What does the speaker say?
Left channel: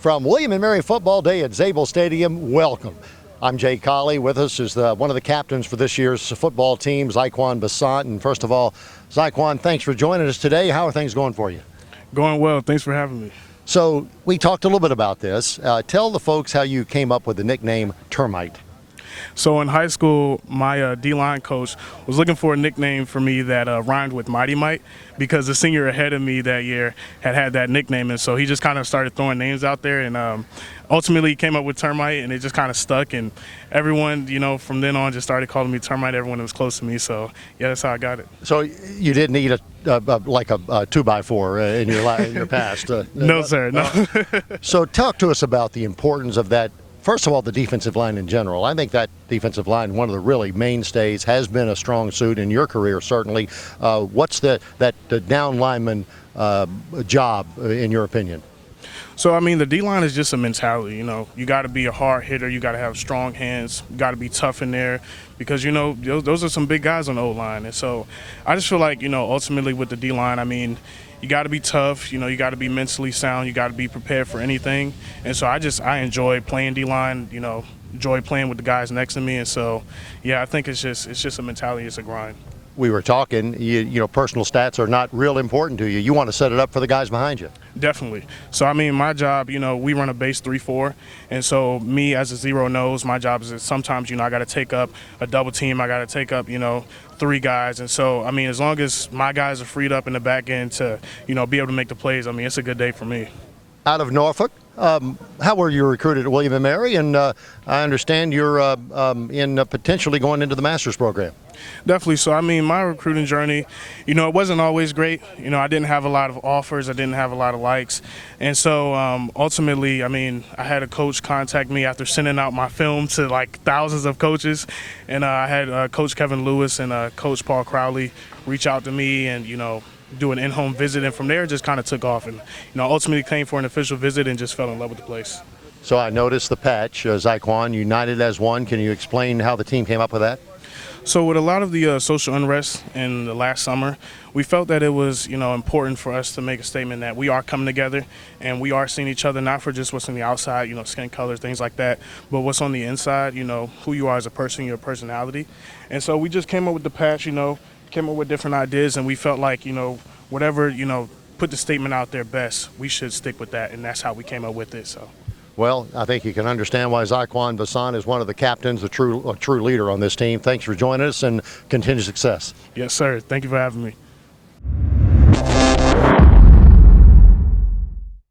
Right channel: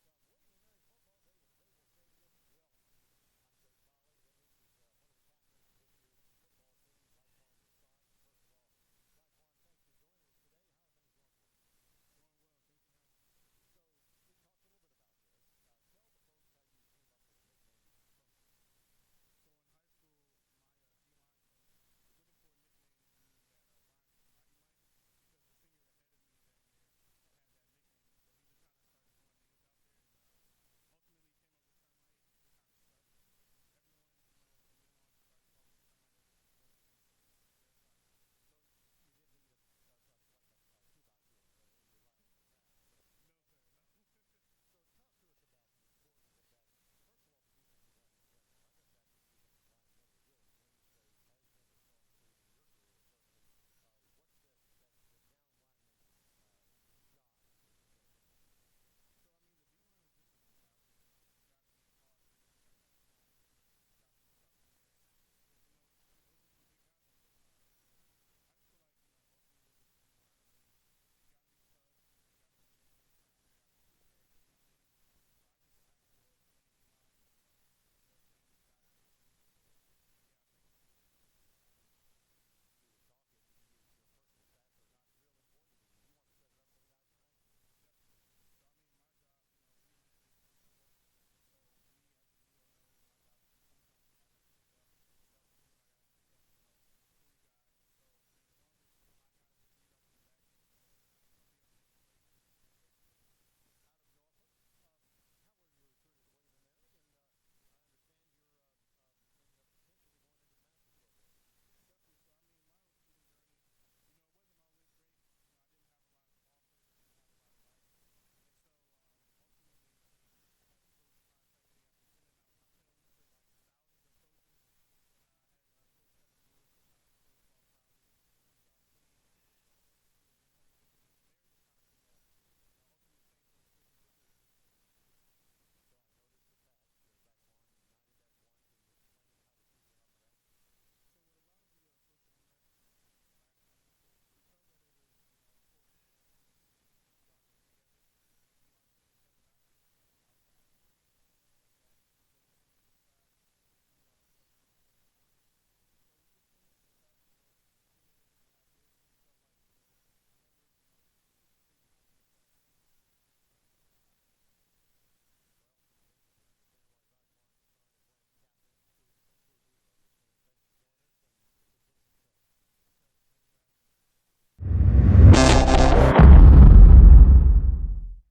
From William and Mary Football Day at Zable Stadium, welcome. I'm Jay Colley. With us is one of the captains for this year's football team, Zyquan Bessant. And first of all, Zyquan, thanks for joining us today. How are things going for you? Going well. Thanks for having me. So we talked a little bit about this. Tell the folks how you came up with the nickname Termite. So in high school, my D-line coach was looking for a nickname for me that rhymed with Mighty Mite, because the senior ahead of me that year had that nickname, and so he just kind of started throwing names out there, and ultimately he came up with Termite, and it just kind of stuck, and everyone, from then on just started calling me Termite. Everyone that was close to me, so yeah, that's how I got it. So you didn't eat like a 2x4 in your past? No, sir, no. So talk to us about the importance of that. First of all, the defensive line in general. I think that defensive line, one of the really mainstays, has been a strong suit in your career, certainly. What's the down lineman job, in your opinion? So, the D-line is just a mentality, You got to be a hard hitter. You got to have strong hands. You got to be tough in there because, those are some big guys on the O-line. And so I just feel like, ultimately with the D-line, you got to be tough, you got to be mentally sound, you got to be prepared for anything. And so I enjoy playing D-line, enjoy playing with the guys next to me. And so, yeah, I think it's just a mentality, it's a grind. We were talking, personal stats are not real important to you. You want to set it up for the guys behind you. Definitely. So, my job, we run a base 3-4. And so me as a zero nose, my job is that sometimes, I got to take up a double team. I got to take up, 3 guys. And so, as long as my guys are freed up in the back end to, be able to make the plays, it's a good day for me. Out of Norfolk, how were you recruited at William & Mary? And I understand you're potentially going into the master's program. Definitely. So, my recruiting journey, it wasn't always great. I didn't have a lot of offers. I didn't have a lot of likes. And so, ultimately, I had a coach contact me after sending out my film to, thousands of coaches. And I had Coach Kevin Lewis and Coach Paul Crowley reach out to me and, do an in-home visit, and from there it just kind of took off, and ultimately came for an official visit and just fell in love with the place. So I noticed the patch, Zyquan United as one. Can you explain how the team came up with that? So with a lot of the social unrest in the last summer, we felt that it was important for us to make a statement that we are coming together and we are seeing each other, not for just what's on the outside, skin color, things like that, but what's on the inside, who you are as a person, your personality. And so we just came up with the patch, came up with different ideas, and we felt like, whatever, put the statement out there best, we should stick with that, and that's how we came up with it. So. Well, I think you can understand why Zyquan Bessant is one of the captains, a true leader on this team. Thanks for joining us, and continued success. Yes, sir. Thank you for having me.